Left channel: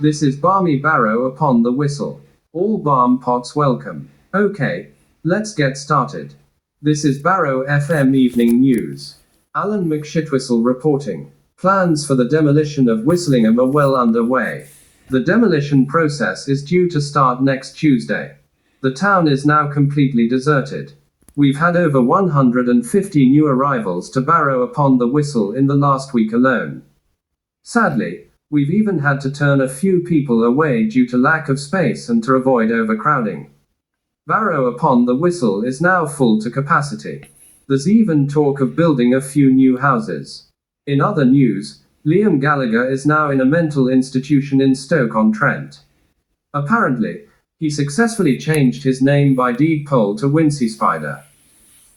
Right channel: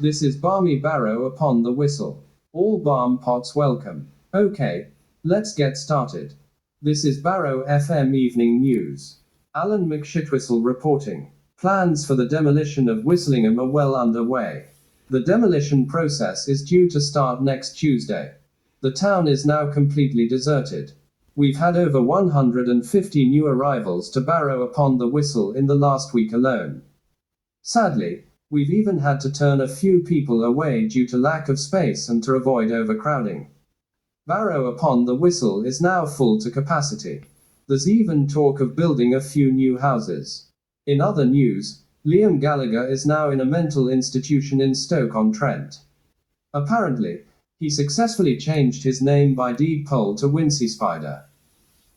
This is balmy Barrow-Upon-The-Whistle. All balm pots welcome. Okay, let's get started. This is Barrow FM Evening News. Alan McShitwhistle reporting. Plans for the demolition of Whistlingham are well underway. The demolition process is due to start next Tuesday. The town is now completely deserted. We've had over 150 new arrivals to Barrow-Upon-The-Whistle in the last week alone. Sadly, we've even had to turn a few people away due to lack of space and to avoid overcrowding. Barrow-Upon-The-Whistle is now full to capacity. There's even talk of building a few new houses. In other news, Liam Gallagher is now in a mental institution in Stoke-on-Trent. Apparently, he successfully changed his name by deed poll to Wincy Spider.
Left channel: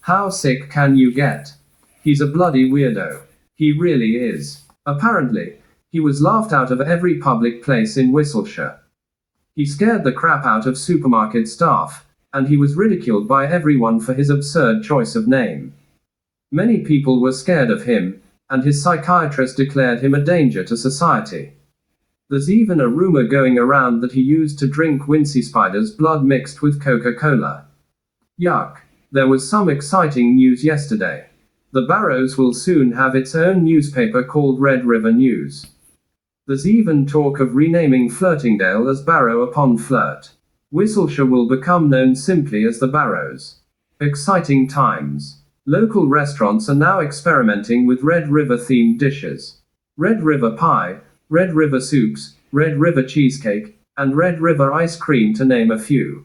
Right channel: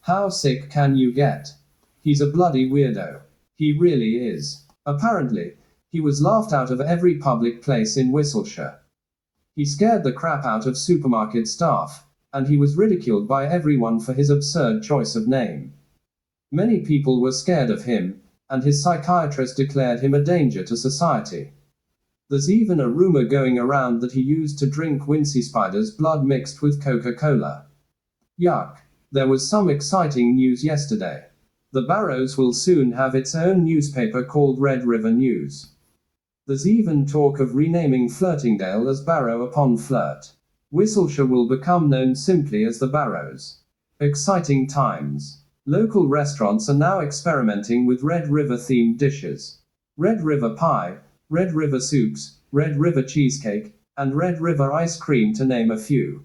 How sick can you get? He's a bloody weirdo. He really is. Apparently, he was laughed out of every public place in Whistleshire. He scared the crap out of supermarket staff, and he was ridiculed by everyone for his absurd choice of name. Many people were scared of him, and his psychiatrist declared him a danger to society. There's even a rumor going around that he used to drink Wincy Spider's blood mixed with Coca-Cola. Yuck. There was some exciting news yesterday. The Barrows will soon have its own newspaper called Red River News. There's even talk of renaming Flirtingdale as Barrow-upon-Flirt. Whistleshire will become known simply as the Barrows. Exciting times. Local restaurants are now experimenting with Red River-themed dishes. Red River pie, Red River soups, Red River cheesecake, and Red River ice cream to name a few.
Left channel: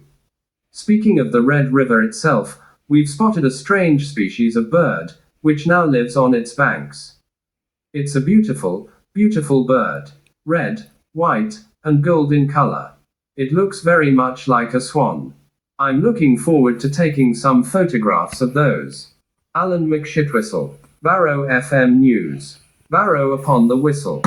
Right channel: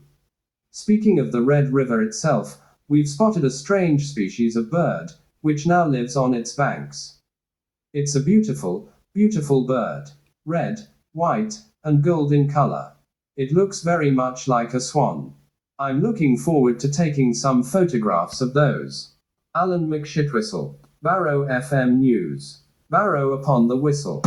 Speaking of the Red River itself, we've spotted a strange species of bird, which now lives on its banks. It's a beautiful, beautiful bird. Red, white, and gold in color. It looks very much like a swan. I'm looking forward to taking some photographs of those. Alan McShitwhistle, Barrow FM News. Barrow-Upon-The-Whistle.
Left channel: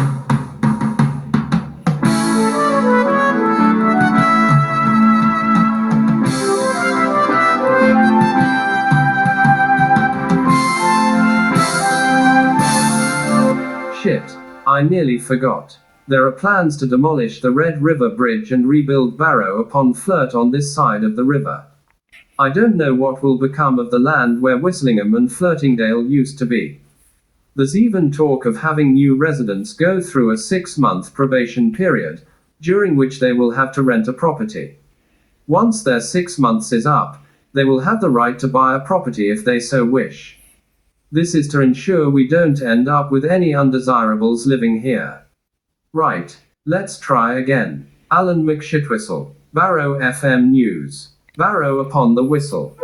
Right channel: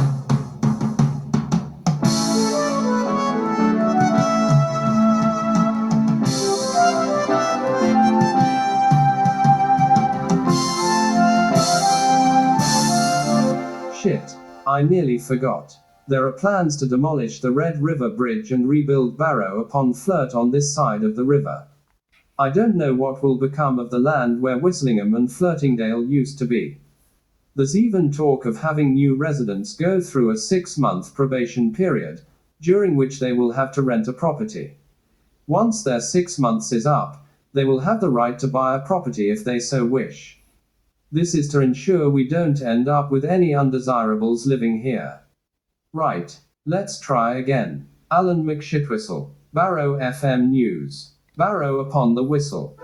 Shit, I nearly forgot. There are plans to demolish the Red River Bridge and rebuild Barrow-upon-Flirt on this side of the river. I don't know what will become of the land where Whistlingham and Flirtingdale used to be. There's even talk of having new residents go through a 6-month probation period, during which they will have to rent a property. Once their 6 months is up, they will have the right to buy a property if they so wish. This is to ensure we don't end up with any undesirables living here. Right, let's try again. Alan McShitwhistle, Barrow FM News. Barrow-Upon-The-Whistle.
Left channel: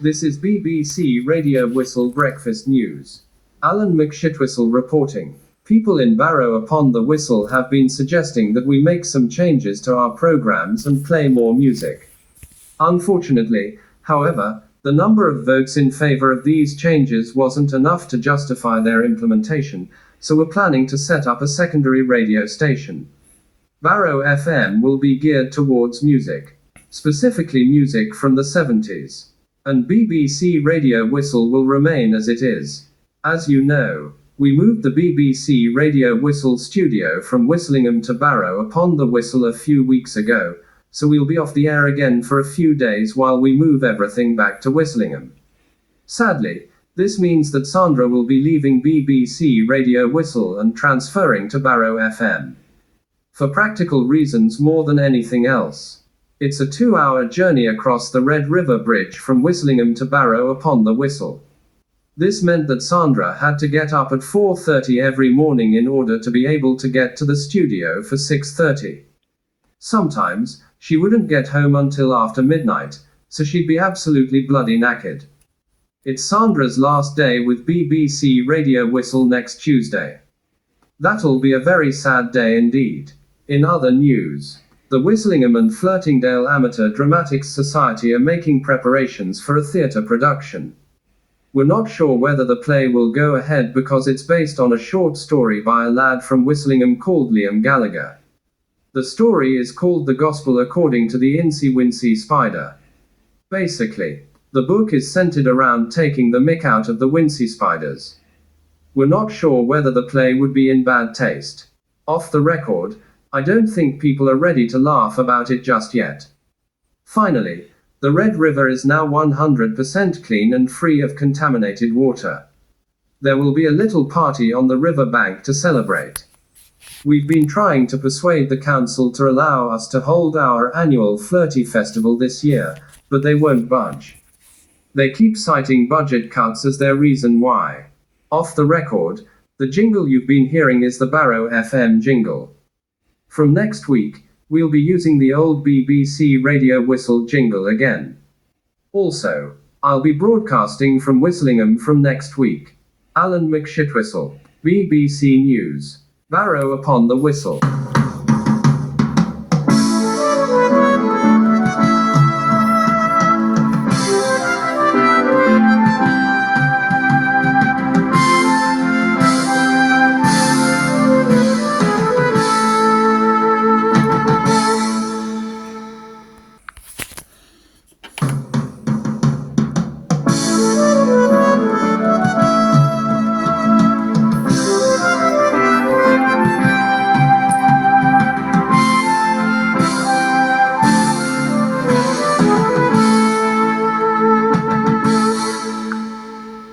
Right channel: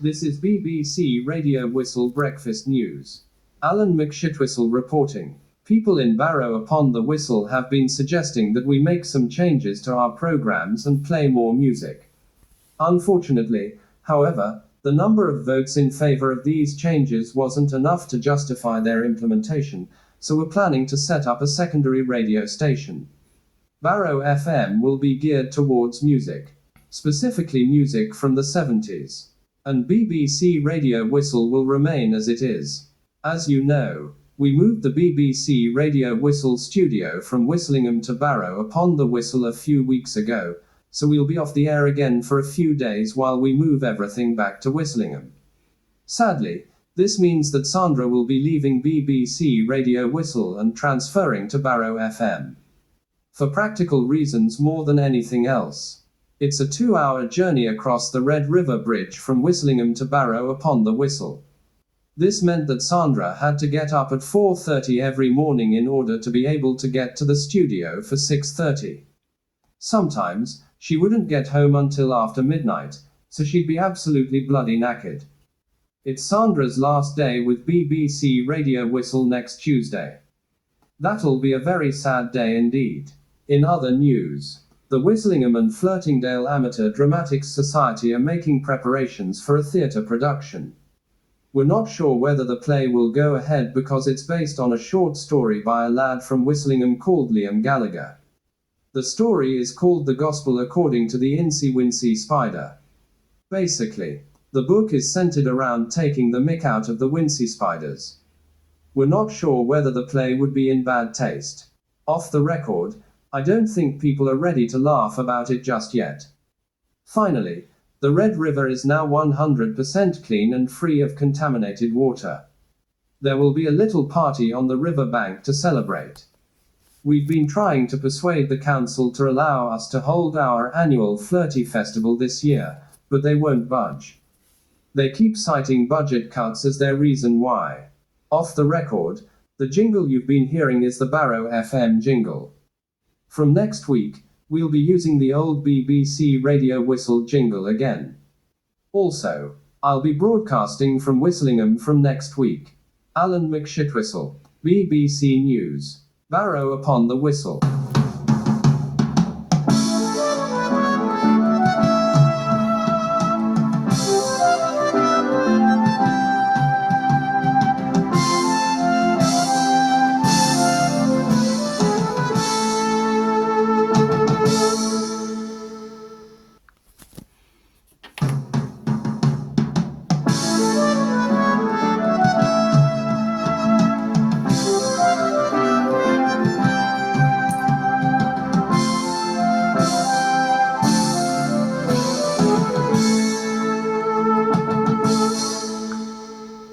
This is BBC Radio Whistle Breakfast News. Alan McShitwhistle reporting. People in Barrow-Upon-The-Whistle have been suggesting that we make some changes to our programs and play more music. Unfortunately, however, the number of votes in favor of these changes wasn't enough to justify their implementation, so we're planning to set up a secondary radio station. Barrow FM will be geared towards music, specifically music from the 70s. And BBC Radio Whistle will remain as it is. As you know, we moved the BBC Radio Whistle studio from Whistlingham to Barrow-Upon-The-Whistle a few weeks ago, so we'll be off the air again for a few days while we move everything back to Whistlingham. Sadly, this means that Sandra will be leaving BBC Radio Whistle and transferring to Barrow FM. For practical reasons more than anything else. It's a 2-hour journey across the Red River Bridge from Whistlingham to Barrow-Upon-The-Whistle. This meant that Sandra had to get up at 4:30 every morning in order to be able to get to the studio for 6:30. Sometimes, she wouldn't get home until after midnight, so she'd be absolutely bloody knackered. It's Sandra's last day with BBC Radio Whistle next Tuesday. That'll be a very sad day indeed. In other news, The Whistlingham and Flirtingdale Amateur Dramatics Society are making preparations for a theatre production. We're not sure whether the play will go ahead because it's based on a short story by a lad from Whistlingham called Liam Gallagher. The story is called The Gospel According to the Incy Wincy Spider. Basically, the book is centered around taking the mick out of the Wincy spiders. We're not sure whether the play would be in bad taste. Off the record, I don't think people are ready to laugh about it just yet. Finally, the Red River is now 100% clean and free of contaminated water. There will be a little party on the river bank to celebrate. We've been trying to persuade the council to allow us to hold our annual Flirty Festival this year, but they won't budge. They keep citing budget cuts as their reason why. Off the record, the jingle you've been hearing is the Barrow FM jingle. From next week, we'll be using the old BBC radio whistle jingle again. Also, I'll be broadcasting from Whistlingham from next week. Alan McShitwhistle, BBC News. Barrow-Upon-The-Whistle.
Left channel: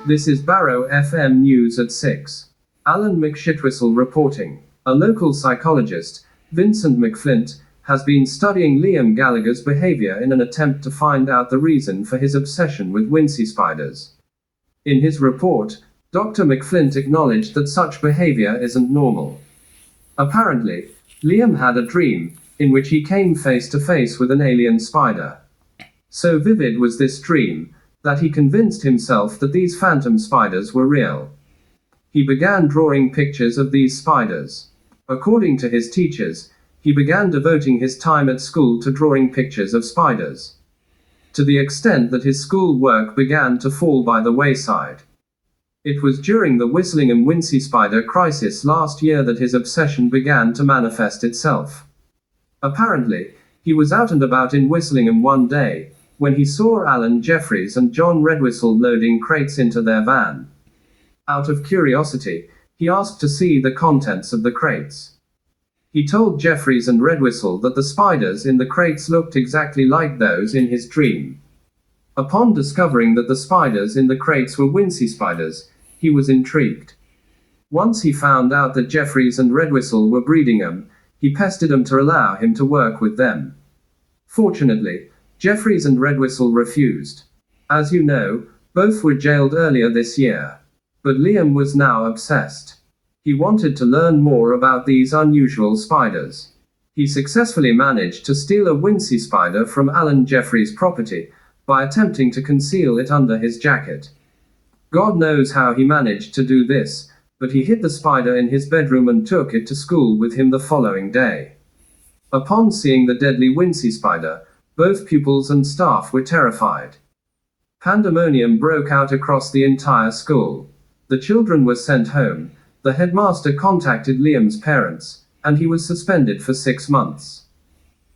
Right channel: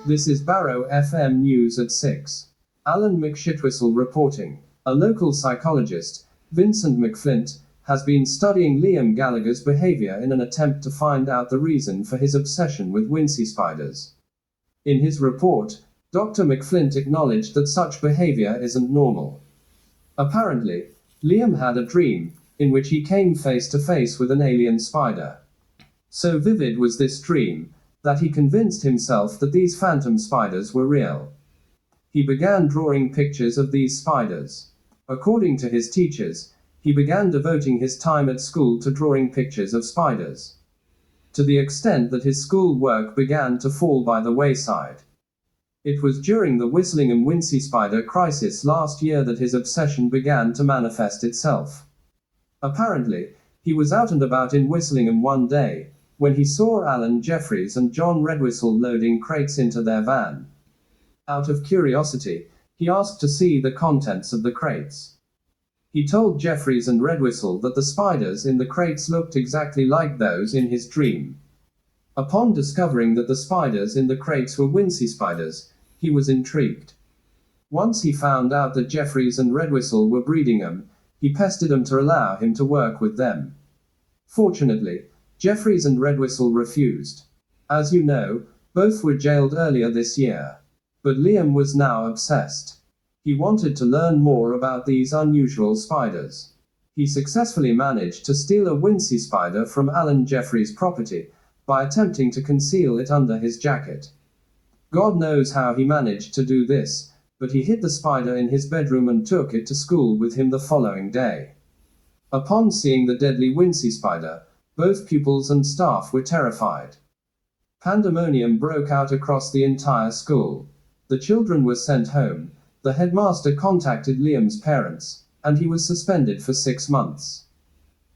This is Barrow FM News at 6. Alan McShitwhistle reporting. A local psychologist, Vincent McFlint, has been studying Liam Gallagher's behavior in an attempt to find out the reason for his obsession with Wincy spiders. In his report, Dr. McFlint acknowledged that such behavior isn't normal. Apparently, Liam had a dream, in which he came face to face with an alien spider. So vivid was this dream, that he convinced himself that these phantom spiders were real. He began drawing pictures of these spiders. According to his teachers, he began devoting his time at school to drawing pictures of spiders. To the extent that his school work began to fall by the wayside. It was during the Whistlingham Wincy spider crisis last year that his obsession began to manifest itself. Apparently, he was out and about in Whistlingham one day, when he saw Alan Jeffries and John Redwhistle loading crates into their van. Out of curiosity, he asked to see the contents of the crates. He told Jeffries and Redwhistle that the spiders in the crates looked exactly like those in his dream. Upon discovering that the spiders in the crates were Wincy spiders, he was intrigued. Once he found out that Jeffries and Redwhistle were breeding them, he pestered them to allow him to work with them. Fortunately, Jeffries and Redwhistle refused. As you know, both were jailed earlier this year. But Liam was now obsessed. He wanted to learn more about these unusual spiders. He successfully managed to steal a Wincy spider from Alan Jeffries' property, by attempting to conceal it under his jacket. God knows how he managed to do this, but he hid the spider in his bedroom and took it to school with him the following day. Upon seeing the deadly Wincy spider, both pupils and staff were terrified. Pandemonium broke out across the entire school. The children were sent home, the headmaster contacted Liam's parents, and he was suspended for 6 months.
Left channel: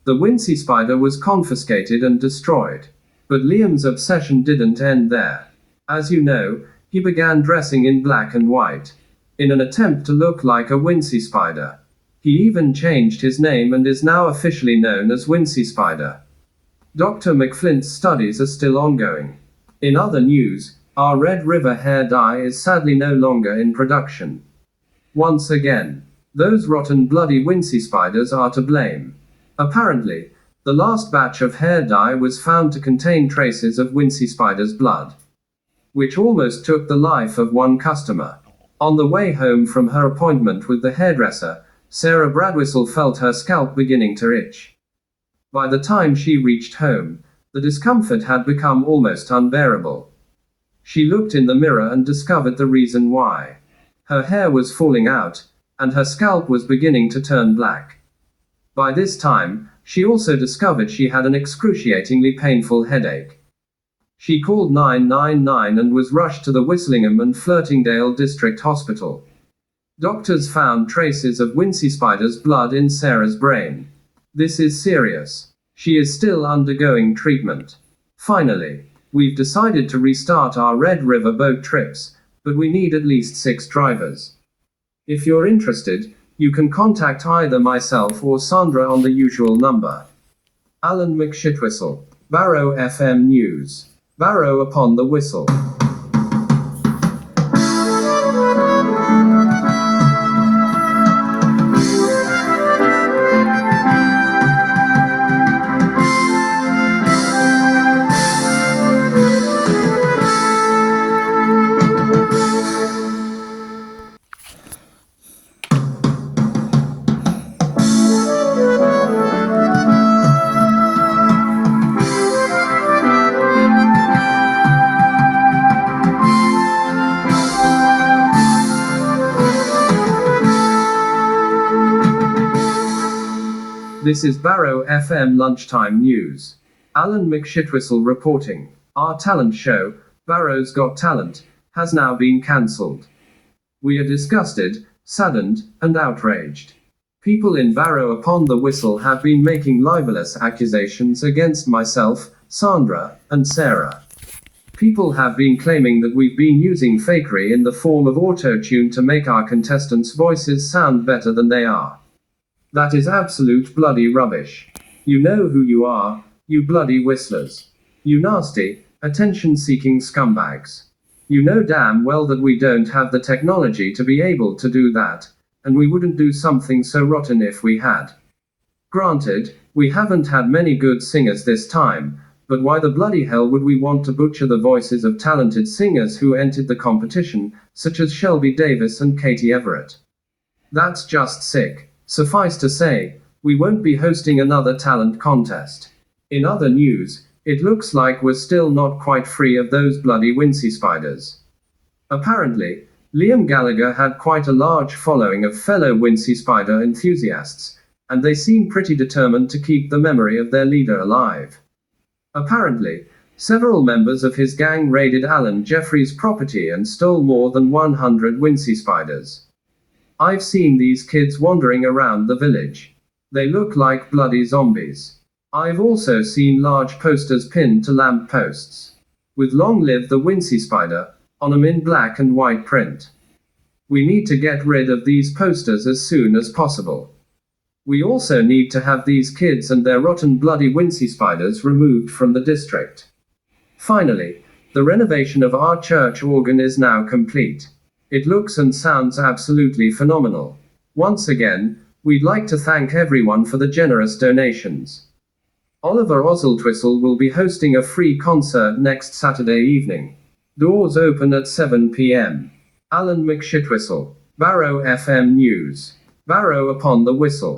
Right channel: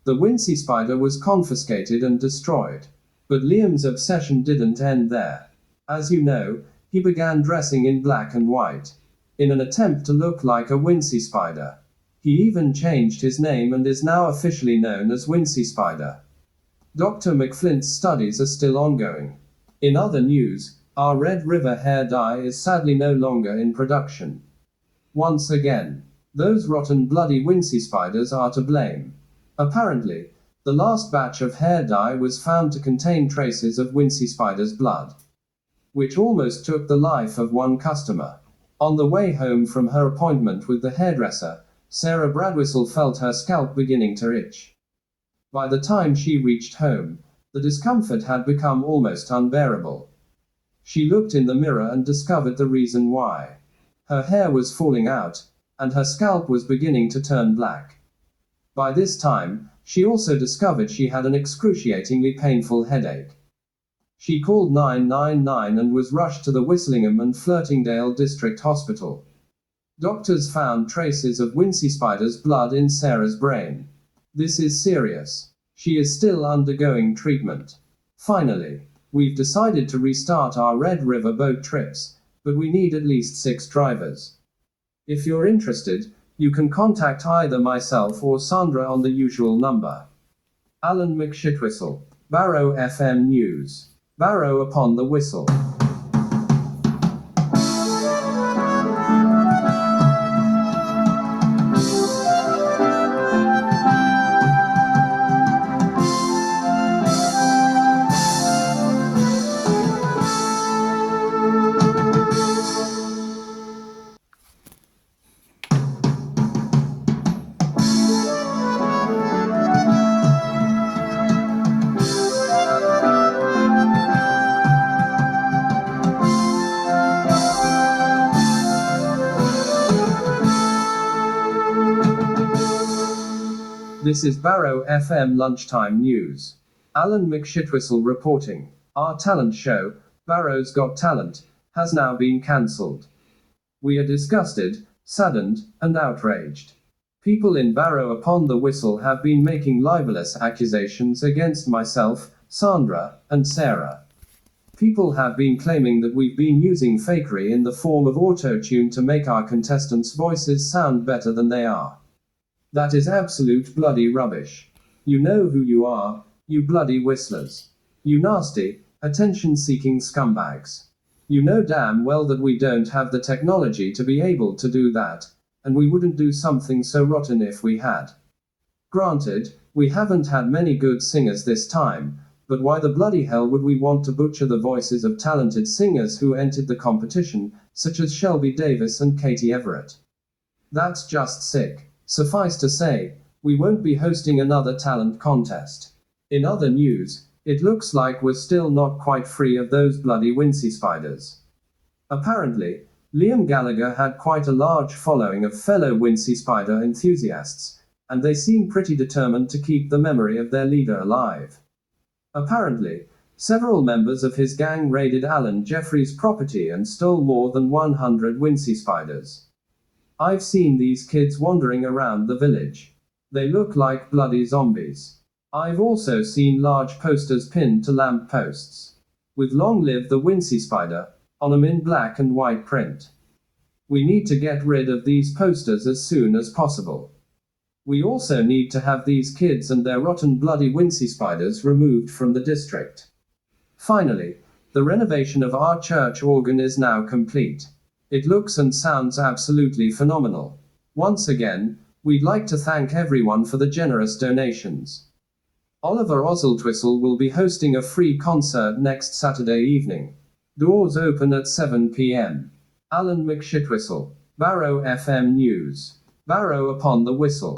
The Wincy spider was confiscated and destroyed. But Liam's obsession didn't end there. As you know, he began dressing in black and white, in an attempt to look like a Wincy spider. He even changed his name and is now officially known as Wincy Spider. Dr. McFlint's studies are still ongoing. In other news, our Red River hair dye is sadly no longer in production. Once again, those rotten bloody Wincy spiders are to blame. Apparently, the last batch of hair dye was found to contain traces of Wincy spider's blood, which almost took the life of one customer. On the way home from her appointment with the hairdresser, Sarah Bradwhistle felt her scalp beginning to itch. By the time she reached home, the discomfort had become almost unbearable. She looked in the mirror and discovered the reason why. Her hair was falling out, and her scalp was beginning to turn black. By this time, she also discovered she had an excruciatingly painful headache. She called 999 and was rushed to the Whistlingham and Flirtingdale District Hospital. Doctors found traces of Wincy Spider's blood in Sarah's brain. This is serious. She is still undergoing treatment. Finally, we've decided to restart our Red River boat trips, but we need at least 6 drivers. If you're interested, you can contact either myself or Sandra on the usual number. Alan McShitwhistle, Barrow FM News. Barrow-Upon-The-Whistle. This is Barrow FM Lunchtime News. Alan McShitwhistle reporting. Our talent show, Barrow's Got Talent, has now been cancelled. We are disgusted, saddened, and outraged. People in Barrow-Upon-The-Whistle have been making libelous accusations against myself, Sandra, and Sarah. People have been claiming that we've been using fakery in the form of auto-tune to make our contestants' voices sound better than they are. That is absolute bloody rubbish. You know who you are, you bloody whistlers. You nasty, attention-seeking scumbags. You know damn well that we don't have the technology to be able to do that, and we wouldn't do something so rotten if we had. Granted, we haven't had many good singers this time, but why the bloody hell would we want to butcher the voices of talented singers who entered the competition, such as Shelby Davis and Katie Everett? That's just sick. Suffice to say, we won't be hosting another talent contest. In other news, it looks like we're still not quite free of those bloody Wincy Spiders. Apparently, Liam Gallagher had quite a large following of fellow Wincy Spider enthusiasts, and they seem pretty determined to keep the memory of their leader alive. Apparently, several members of his gang raided Alan Jeffrey's property and stole more than 100 Wincy Spiders. I've seen these kids wandering around the village. They look like bloody zombies. I've also seen large posters pinned to lamp posts, with "Long live the Wincy Spider" on them in black and white print. We need to get rid of these posters as soon as possible. We also need to have these kids and their rotten bloody Wincy Spiders removed from the district. Finally, the renovation of our church organ is now complete. It looks and sounds absolutely phenomenal. Once again, we'd like to thank everyone for the generous donations. Oliver Oswaldtwistle will be hosting a free concert next Saturday evening. Doors open at 7 p.m. Alan McShitwhistle, Barrow FM News. Barrow-Upon-The-Whistle.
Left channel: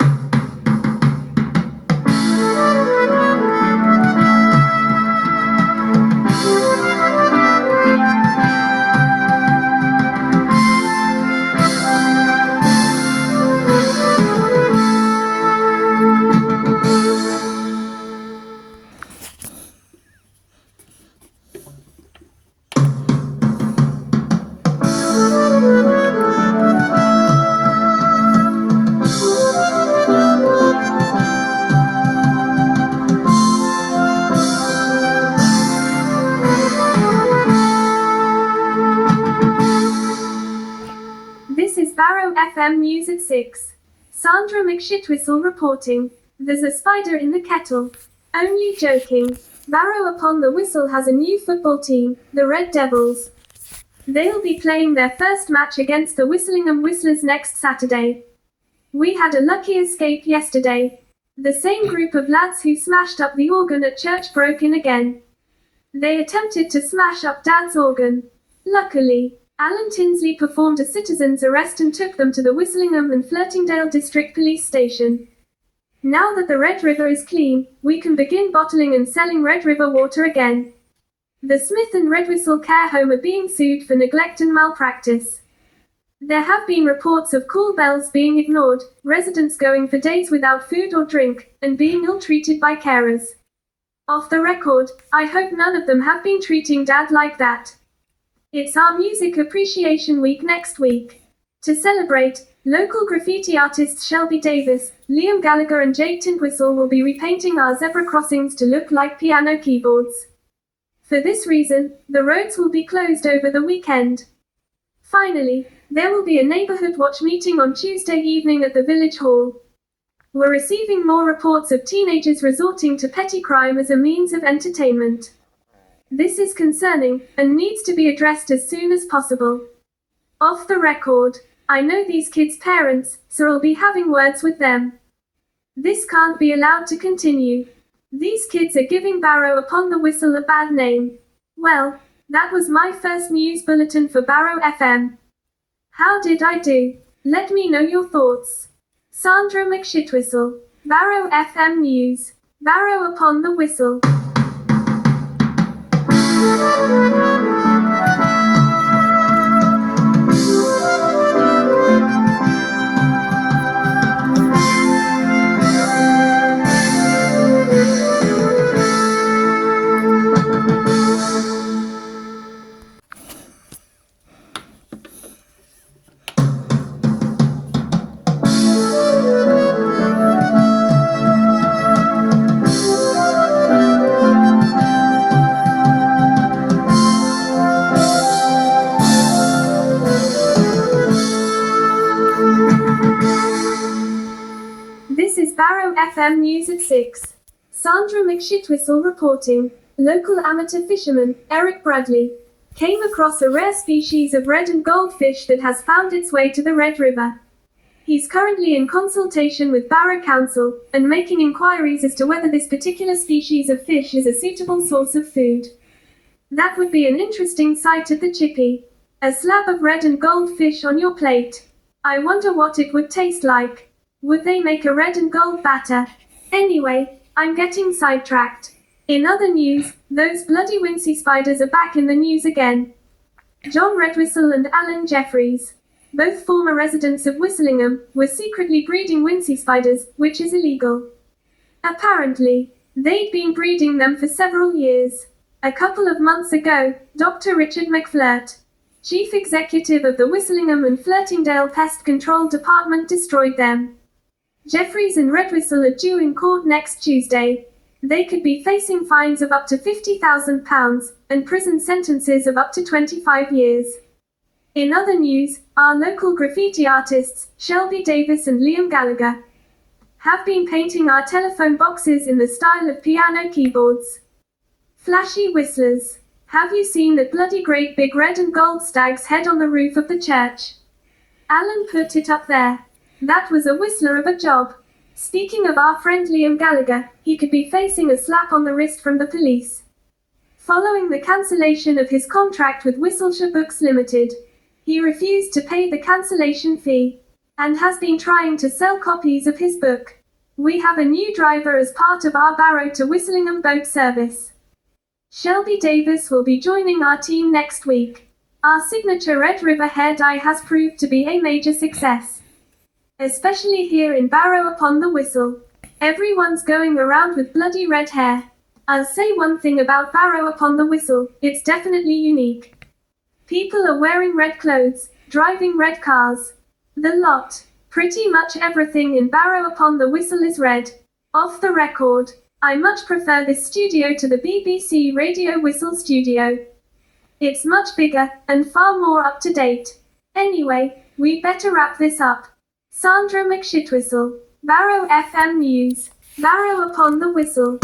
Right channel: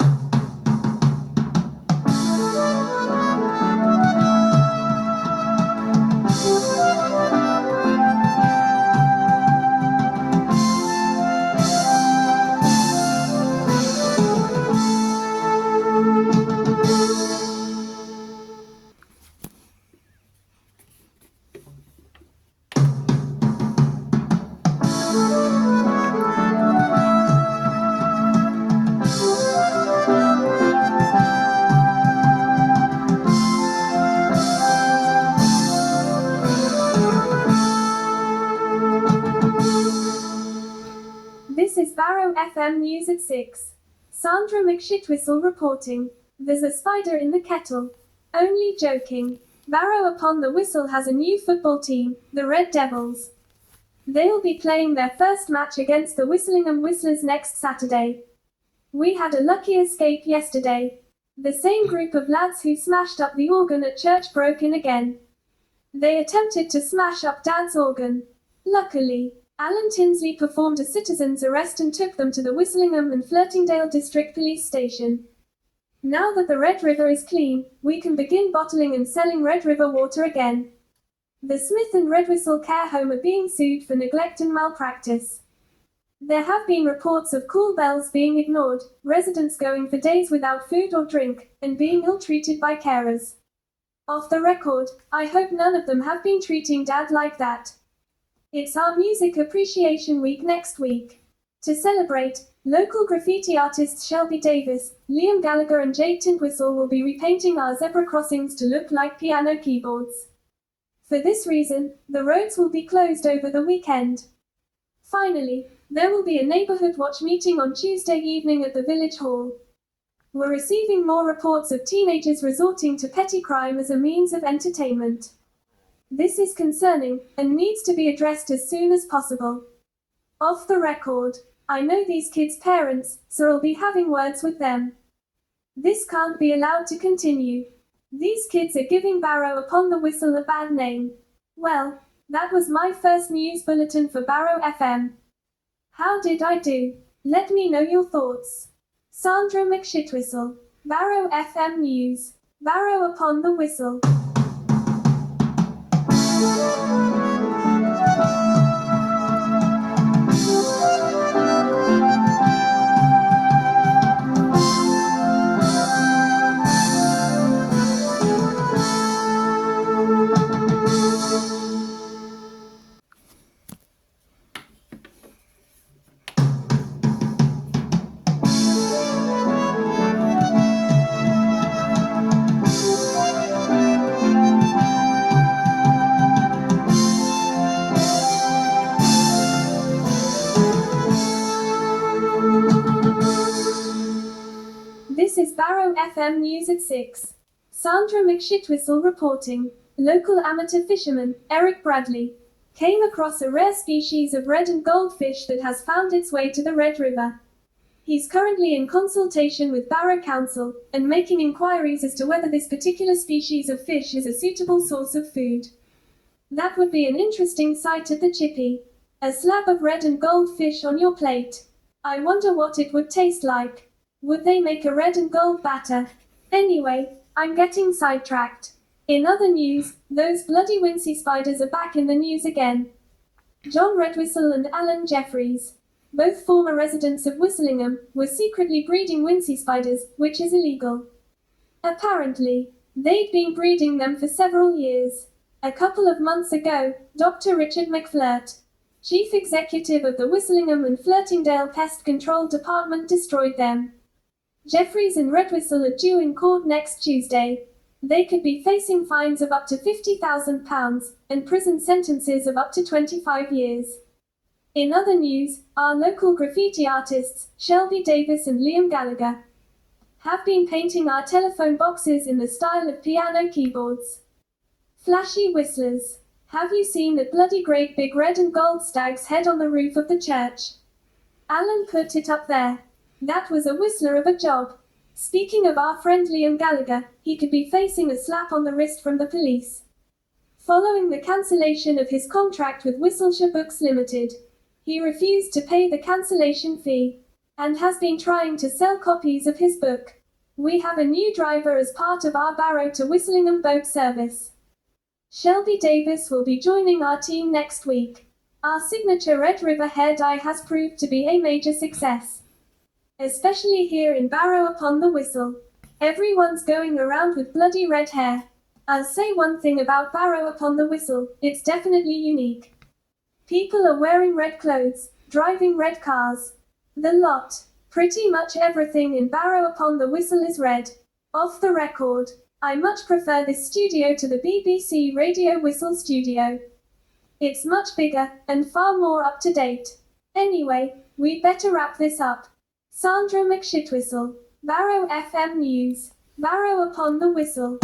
This is Barrow FM News at 6. Sandra McShitwhistle reporting. There's a spider in the kettle. Only joking. Barrow-Upon-The-Whistle has a new football team, the Red Devils. They'll be playing their first match against the Whistlingham Whistlers next Saturday. We had a lucky escape yesterday. The same group of lads who smashed up the organ at church broke in again. They attempted to smash up Dad's organ. Luckily, Alan Tinsley performed a citizen's arrest and took them to the Whistlingham and Flirtingdale District Police Station. Now that the Red River is clean, we can begin bottling and selling Red River water again. The Smith and Redwhistle Care Home are being sued for neglect and malpractice. There have been reports of call bells being ignored, residents going for days without food or drink, and being ill-treated by carers. Off the record, I hope none of them have been treating Dad like that. It's our Music Appreciation Week next week. To celebrate, local graffiti artists Shelby Davis, Liam Gallagher and Jake Tintwistle will be repainting our zebra crossings to look like piano keyboards. For this reason, the roads will be closed over the weekend. Finally, there will be a neighborhood watch meeting on Tuesday evening at the Village Hall. We're receiving more reports of teenagers resorting to petty crime as a means of entertainment. This is concerning and needs to be addressed as soon as possible. Off the record, I know these kids' parents, so I'll be having words with them. This can't be allowed to continue. These kids are giving Barrow-Upon-The-Whistle a bad name. Well, that was my first news bulletin for Barrow FM. How did I do? Let me know your thoughts. Sandra McShitwhistle, Barrow FM News, Barrow-Upon-The-Whistle. This is Barrow FM News at 6. Sandra McShitwhistle reporting. Local amateur fisherman, Eric Bradley, came across a rare species of red and gold fish that has found its way to the Red River. He's currently in consultation with Barrow Council and making inquiries as to whether this particular species of fish is a suitable source of food. That would be an interesting sight at the chippy. A slab of red and gold fish on your plate. I wonder what it would taste like. Would they make a red and gold batter? Anyway, I'm getting sidetracked. In other news, those bloody Wincy spiders are back in the news again. John Redwhistle and Alan Jeffries, both former residents of Whistlingham, were secretly breeding Wincy spiders, which is illegal. Apparently, they'd been breeding them for several years. A couple of months ago, Dr. Richard McFlirt, chief executive of the Whistlingham and Flirtingdale Pest Control Department, destroyed them. Jeffries and Redwhistle are due in court next Tuesday. They could be facing fines of up to £50,000 and prison sentences of up to 25 years. In other news, our local graffiti artists, Shelby Davis and Liam Gallagher, have been painting our telephone boxes in the style of piano keyboards. Flashy whistlers. Have you seen that bloody great big red and gold stag's head on the roof of the church? Alan put it up there. That was a whistler of a job. Speaking of our friend Liam Gallagher, he could be facing a slap on the wrist from the police. Following the cancellation of his contract with Whistleshire Books Limited, he refused to pay the cancellation fee, and has been trying to sell copies of his book. We have a new driver as part of our Barrow to Whistlingham boat service. Shelby Davis will be joining our team next week. Our signature Red River hair dye has proved to be a major success. Especially here in Barrow-Upon-The-Whistle. Everyone's going around with bloody red hair. I'll say one thing about Barrow-Upon-The-Whistle, it's definitely unique. People are wearing red clothes, driving red cars. The lot. Pretty much everything in Barrow-Upon-The-Whistle is red. Off the record, I much prefer this studio to the BBC Radio Whistle studio. It's much bigger and far more up to date. Anyway, we better wrap this up. Sandra McShitwhistle, Barrow FM News, Barrow-Upon-The-Whistle.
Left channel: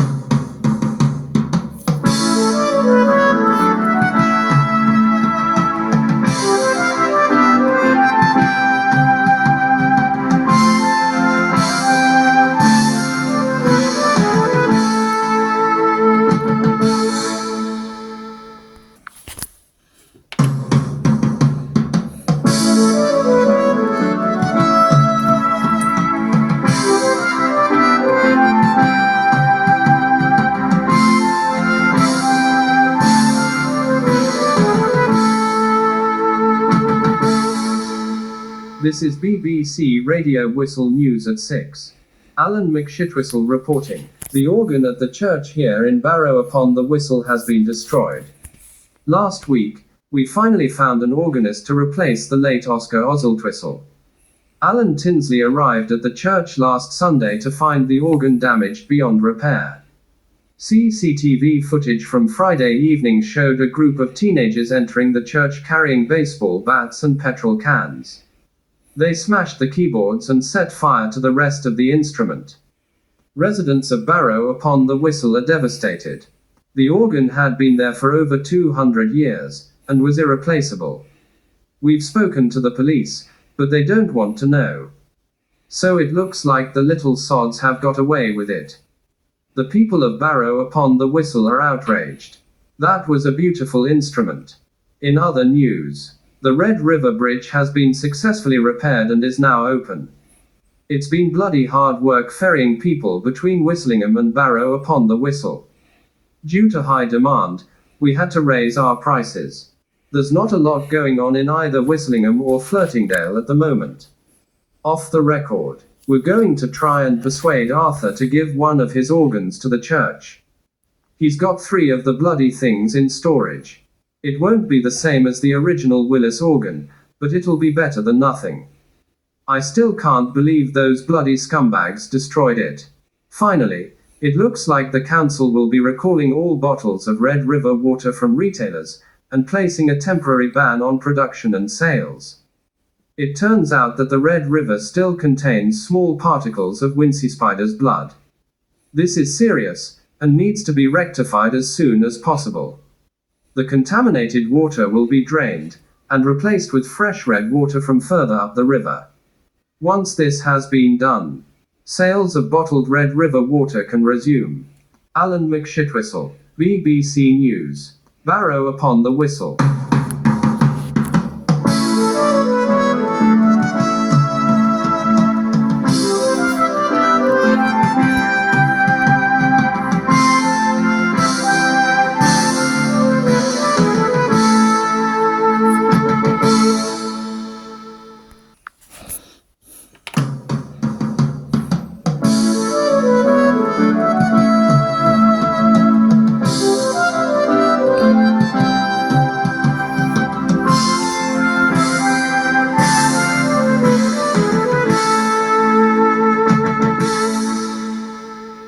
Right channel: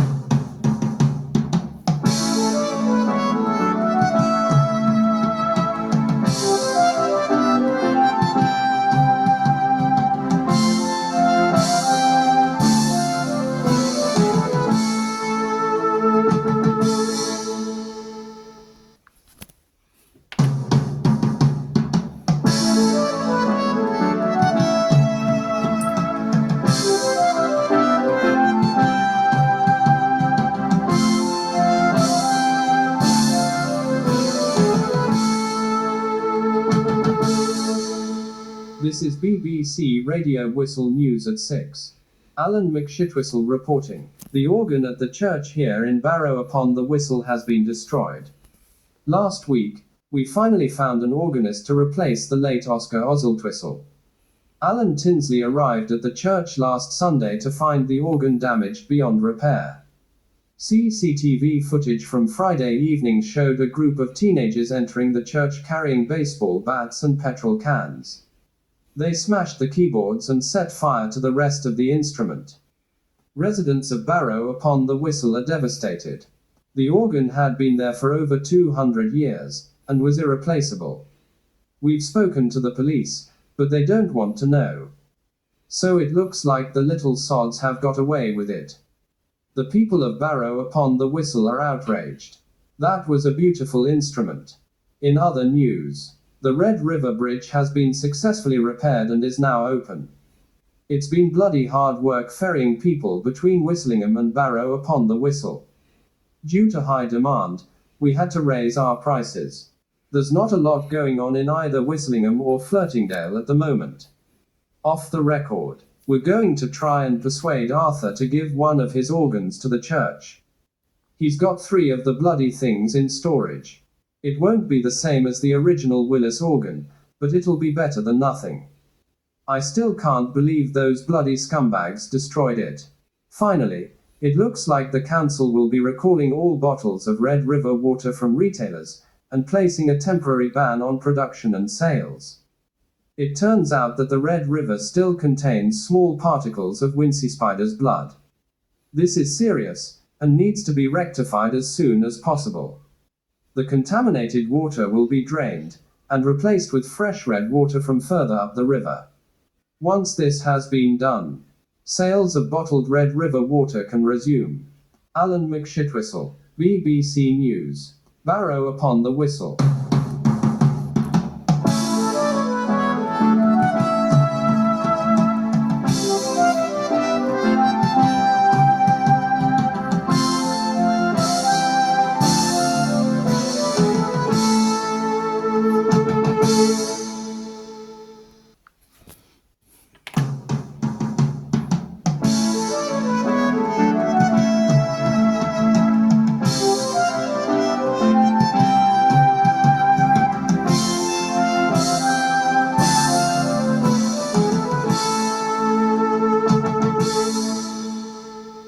This is BBC Radio Whistle News at 6. Alan McShitwhistle reporting. The organ at the church here in Barrow-Upon-The-Whistle has been destroyed. Last week, we finally found an organist to replace the late Oscar Oswaldtwistle. Alan Tinsley arrived at the church last Sunday to find the organ damaged beyond repair. CCTV footage from Friday evening showed a group of teenagers entering the church carrying baseball bats and petrol cans. They smashed the keyboards and set fire to the rest of the instrument. Residents of Barrow-Upon-The-Whistle are devastated. The organ had been there for over 200 years, and was irreplaceable. We've spoken to the police, but they don't want to know. So it looks like the little sods have got away with it. The people of Barrow-Upon-The-Whistle are outraged. That was a beautiful instrument. In other news, the Red River Bridge has been successfully repaired and is now open. It's been bloody hard work ferrying people between Whistlingham and Barrow-Upon-The-Whistle. Due to high demand, we had to raise our prices. There's not a lot going on in either Whistlingham or Flirtingdale at the moment. Off the record, we're going to try and persuade Arthur to give one of his organs to the church. He's got 3 of the bloody things in storage. It won't be the same as the original Willis organ, but it'll be better than nothing. I still can't believe those bloody scumbags destroyed it. Finally, it looks like the council will be recalling all bottles of Red River water from retailers, and placing a temporary ban on production and sales. It turns out that the Red River still contains small particles of Wincy spider's blood. This is serious, and needs to be rectified as soon as possible. The contaminated water will be drained, and replaced with fresh red water from further up the river. Once this has been done, sales of bottled Red River water can resume. Alan McShitwhistle, BBC News. Barrow-Upon-The-Whistle.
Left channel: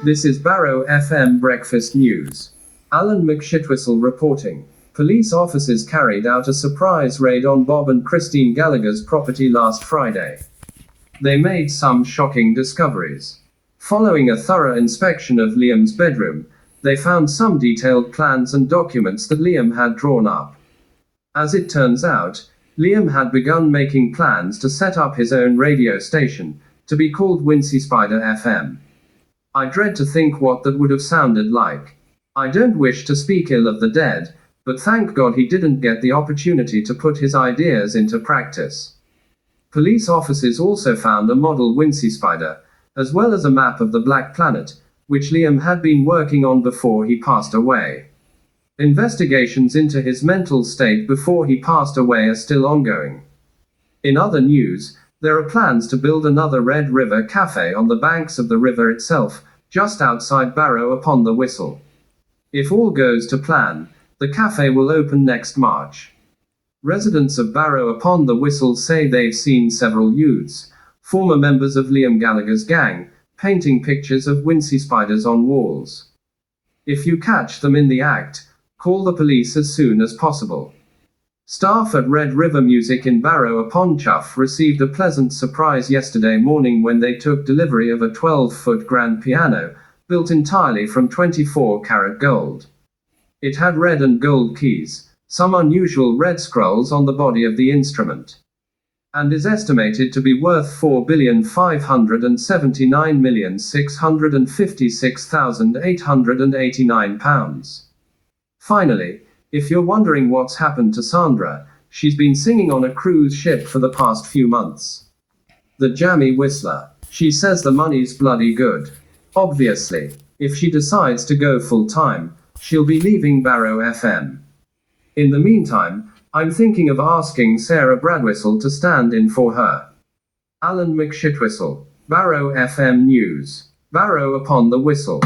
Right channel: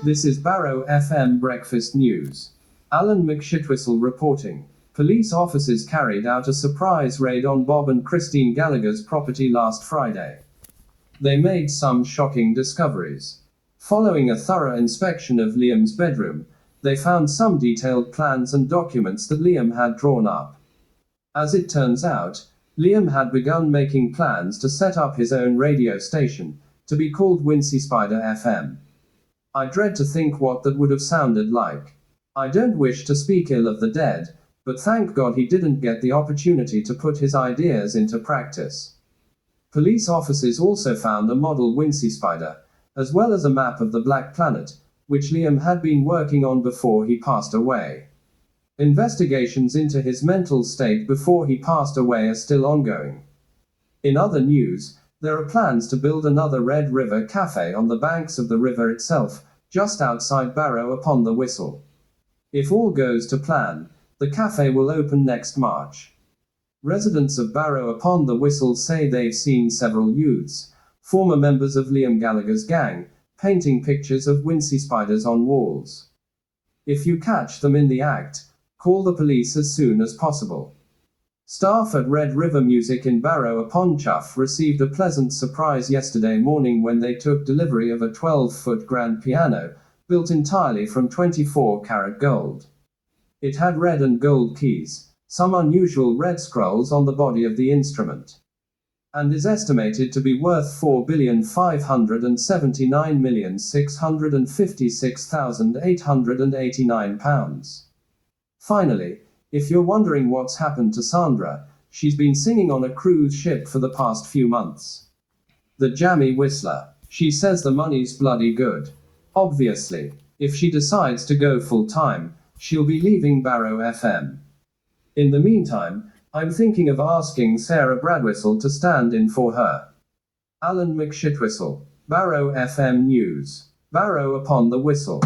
This is Barrow FM Breakfast News. Alan McShitwhistle reporting. Police officers carried out a surprise raid on Bob and Christine Gallagher's property last Friday. They made some shocking discoveries. Following a thorough inspection of Liam's bedroom, they found some detailed plans and documents that Liam had drawn up. As it turns out, Liam had begun making plans to set up his own radio station, to be called Wincy Spider FM. I dread to think what that would have sounded like. I don't wish to speak ill of the dead, but thank God he didn't get the opportunity to put his ideas into practice. Police officers also found a model Wincy Spider, as well as a map of the Black Planet, which Liam had been working on before he passed away. Investigations into his mental state before he passed away are still ongoing. In other news, there are plans to build another Red River cafe on the banks of the river itself, just outside Barrow-Upon-The-Whistle. If all goes to plan, the cafe will open next March. Residents of Barrow-Upon-The-Whistle say they've seen several youths, former members of Liam Gallagher's gang, painting pictures of Wincy spiders on walls. If you catch them in the act, call the police as soon as possible. Staff at Red River Music in Barrow-Upon-Chuff received a pleasant surprise yesterday morning when they took delivery of a 12-foot grand piano, built entirely from 24-karat gold. It had red and gold keys, some unusual red scrolls on the body of the instrument, and is estimated to be worth £4,579,656,889. Finally, if you're wondering what's happened to Sandra, she's been singing on a cruise ship for the past few months. The jammy whistler. She says the money's bloody good. Obviously, if she decides to go full-time, she'll be leaving Barrow FM. In the meantime, I'm thinking of asking Sarah Bradwhistle to stand in for her. Alan McShitwhistle. Barrow FM News. Barrow-Upon-The-Whistle.